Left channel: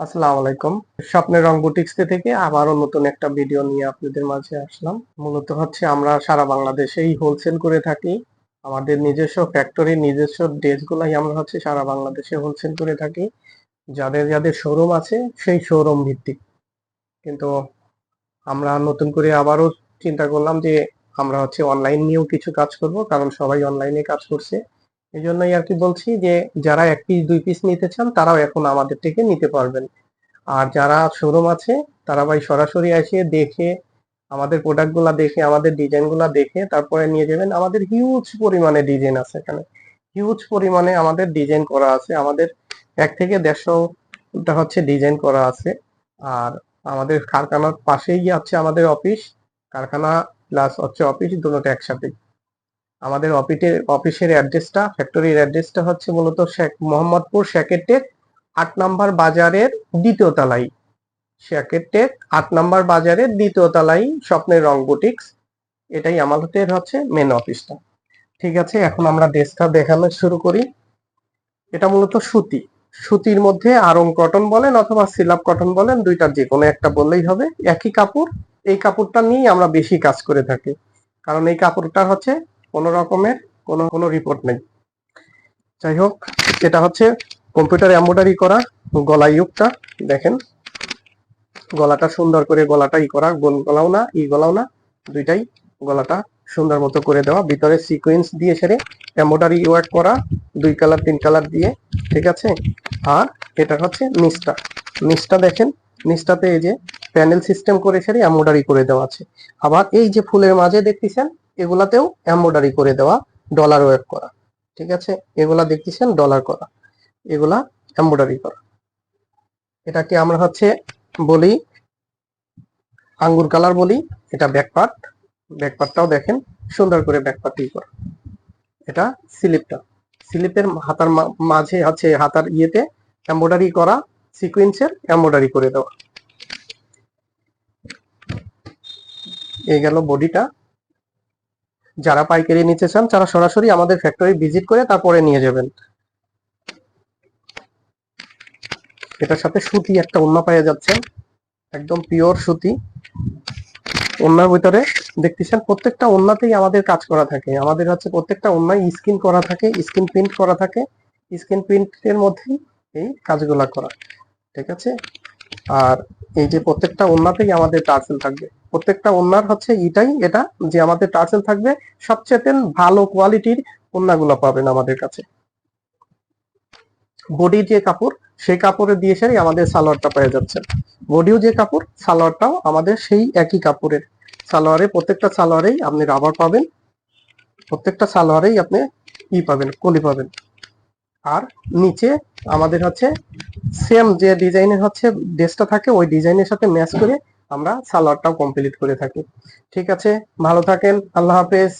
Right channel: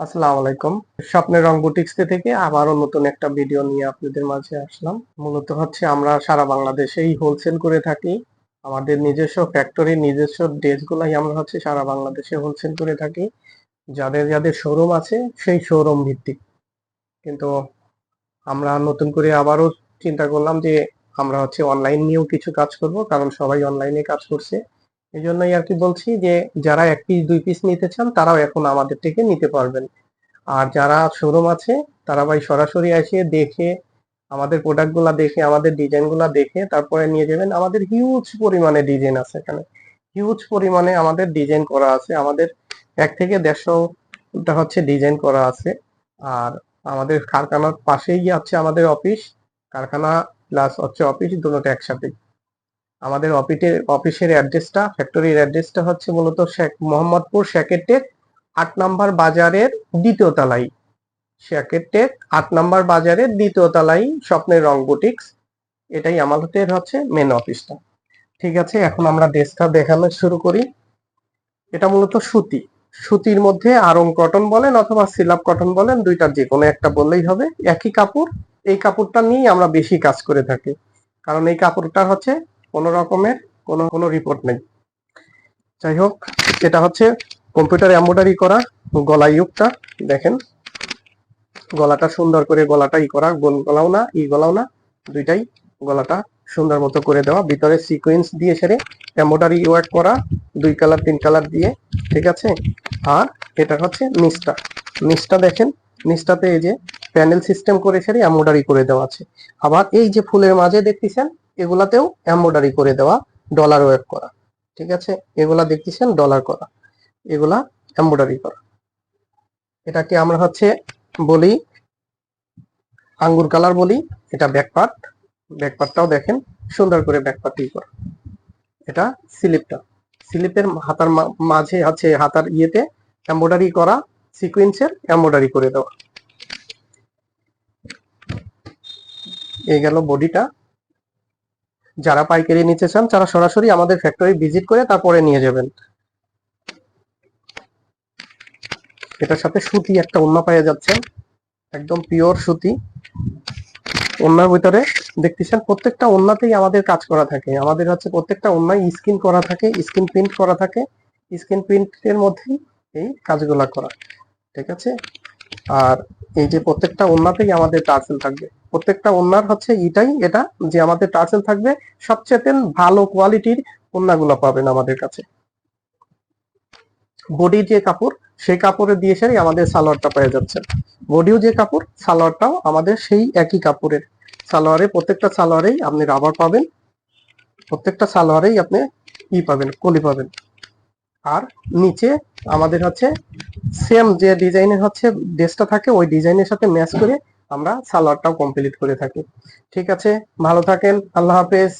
আসসালামু আলাইকুম। স্বপ্নের রং বুটিক্স থেকে আবারও নতুন একটা ভিডিও নিয়ে আপনাদের মাঝে আসলাম। মূলত হচ্ছে আমরা সারা বাংলাদেশেই হোলসেল করে থাকি। আমাদের নিজস্ব ফ্যাক্টরি নিজস্ব ড্রেসগুলাই আমরা হচ্ছে সারা বাংলাদেশে হোলসেল করে থাকি। যাদের যাদের শোরুম আছে, সেই শোরুম ভিত্তিক। কিন্তু আমরা নতুন করে আবারও চিন্তা করলাম যে আমরা হচ্ছে অনলাইন নিয়েও কিছু কাজ করব, কারণ সবাই অনলাইনে কাজ করছে। এই জন্যই আর কি বলছি যে, যারা এক পিস দুই পিস নিতে চান, তারাও এখন আমাদের থেকে নিতে পারবেন। আর যারা শোরুম আছে, তারা ভাই সরাসরি এসে দেখে, আমাদের প্রোডাক্টগুলা দেখে, আমাদের ডিজাইনগুলা দেখে, তারপরে নিয়ে যাবেন। আমাদের হিউজ পরিমাণে ডিজাইন আছে এখানে। হিউজ পরিমাণে আমাদের ডিজাইন করা আছে। আমাদের এক থেকে দেড়শোটা হচ্ছে ডিজাইন করা আছে। আর আমাদের কারখানার পাশেই আছে আমাদের অফিস কারখানা প্লাস হচ্ছে অফিস দুটোটা একসাথে। আমাদের অফিসের অফিসের অ্যাড্রেসটা, ফ্যাক্টরির অ্যাড্রেসটা হচ্ছে মূলত শেখ, মোহাম্মদপুর শেকেটেক আট নাম্বার বাজারের দ্বিতীয় তলায়। শেকেটেক আট নাম্বার বাজারের দ্বিতীয় তলায়, স্বপ্নের রং বুটিক্স। এটাই আমাদের হচ্ছে মেন অফিসটা ঠিক আছে, এখন আমরা ড্রেসটা দেখানো শুরু করি। এটা মূলত সুতি। সুতির মধ্যে আরং কটন বলেন অথবা সিলাপ কটন বলেন, দুইটার যে কোনো একটা বললেই হবে। একই কাপড়, এই কাপড়টা নিয়েই আমরা বেশি কাজ করে থাকি। কারণ এই কাপড়টা হচ্ছে কোনো রকমের কোনো কোনো রিপোর্ট নেই। যাই হোক এটা হচ্ছে কম্পিউটার এম্ব্রয়ডারি করা গলা ইউকটা দেখেন। গলাটা সুন্দর করে গলাটা ই করা, গোল গলাও না, ই গলাও না, দুইটাই গলাটা সুন্দর মতো করে দেওয়া। ভিতরে সিকোয়েন্স দিয়ে সেরে এম্ব্রয়ডারি ওয়ার্ক করা, দুই কালার তিন কালার দিয়ে, ঠিক আছে? আর এটা হচ্ছে নিচটা। নিচটা দেখেন, নিচটাতে এই যে প্যানেল সিস্টেম করে সেরে এম্ব্রয়ডারি করে দেওয়া আছে। আবার এই যে ফুলের মাঝে দেখতেছেন এগুলাতেও এম্ব্রয়ডারি করে দেওয়া ডলার ওয়েব করা, ঠিক আছে? এগুলা দেখতেছেন ডলার করা, এগুলা এম্ব্রয়ডারি করা। এটাকে আমরা হচ্ছে বলি, আঙ্গুর কালার বলি, এটা ব্যাকপার্ট ব্যাকপার্টটাও দেখেন, সুন্দর করে ব্যাকপার্ট করে। এটা স্লিপটা স্লিপের হাতার মাঝে আছে হাতার ইয়েতে এম্ব্রয়ডারি করা সিকোয়েন্সের এম্ব্রয়ডারি করে দেওয়া। এই গেল বডিটা যারা পাইকারি নিতে চান, তারা সরাসরি আমাদের ফ্যাক্টরি ভিজিট করে তারপরে নিয়ে যাবেন। এটার সাথে সুতি একটা অন্য পেয়ে যাচ্ছে। একদম পিওর সুতি। ওনার ভিতরে দেখতেছেন, প্রত্যেকটা ওন্নাতেই আমাদের কাজ করা থাকে। আমাদের হচ্ছে প্রত্যেকটা ওন্নায় স্ক্রিন করা থাকে স্ক্রিন প্রিন্ট করা থাকে। স্ক্রিন প্রিন্টের মধ্যেই এই কাজগুলা করা, ঠিক আছে? আর এই যে প্রত্যেকটা ওন্না থেকে আমাদের টার্সেল থাকবে। প্রত্যেকটা ওন্নার হচ্ছে এটাই, এটা যে আমাদের টার্সেল থাকবে সবচেয়ে ভালো কোয়ালিটির ওন্নাগুলো পাবেন আমাদের কাছে। বডির যে কাপড়, সেই কাপড়ে দিয়ে সেরে আমাদের সালোয়ারটা পেয়ে যাচ্ছে বডিও যে কাপড়, সালোয়ারটাও আমাদের সেই একই কাপড়ের। সালোয়ারে, প্রত্যেকটা সালোয়ারেই আপনি রাবার পাবেন। প্রত্যেকটা সালোয়ারেই আপনি ই পাবেন, কলি পাবেন। আর নিচে আমাদের হচ্ছে সেম যে ডিজাইনের হচ্ছে ড্রেসটা থাকে, ওই ডিজাইনের সাথে ম্যাচ করে আমরা সালোয়ারটাও কমপ্লিট করে থাকি। ঠিক আছে, ভালো থাকেন, আল্লাহ হাফেজ।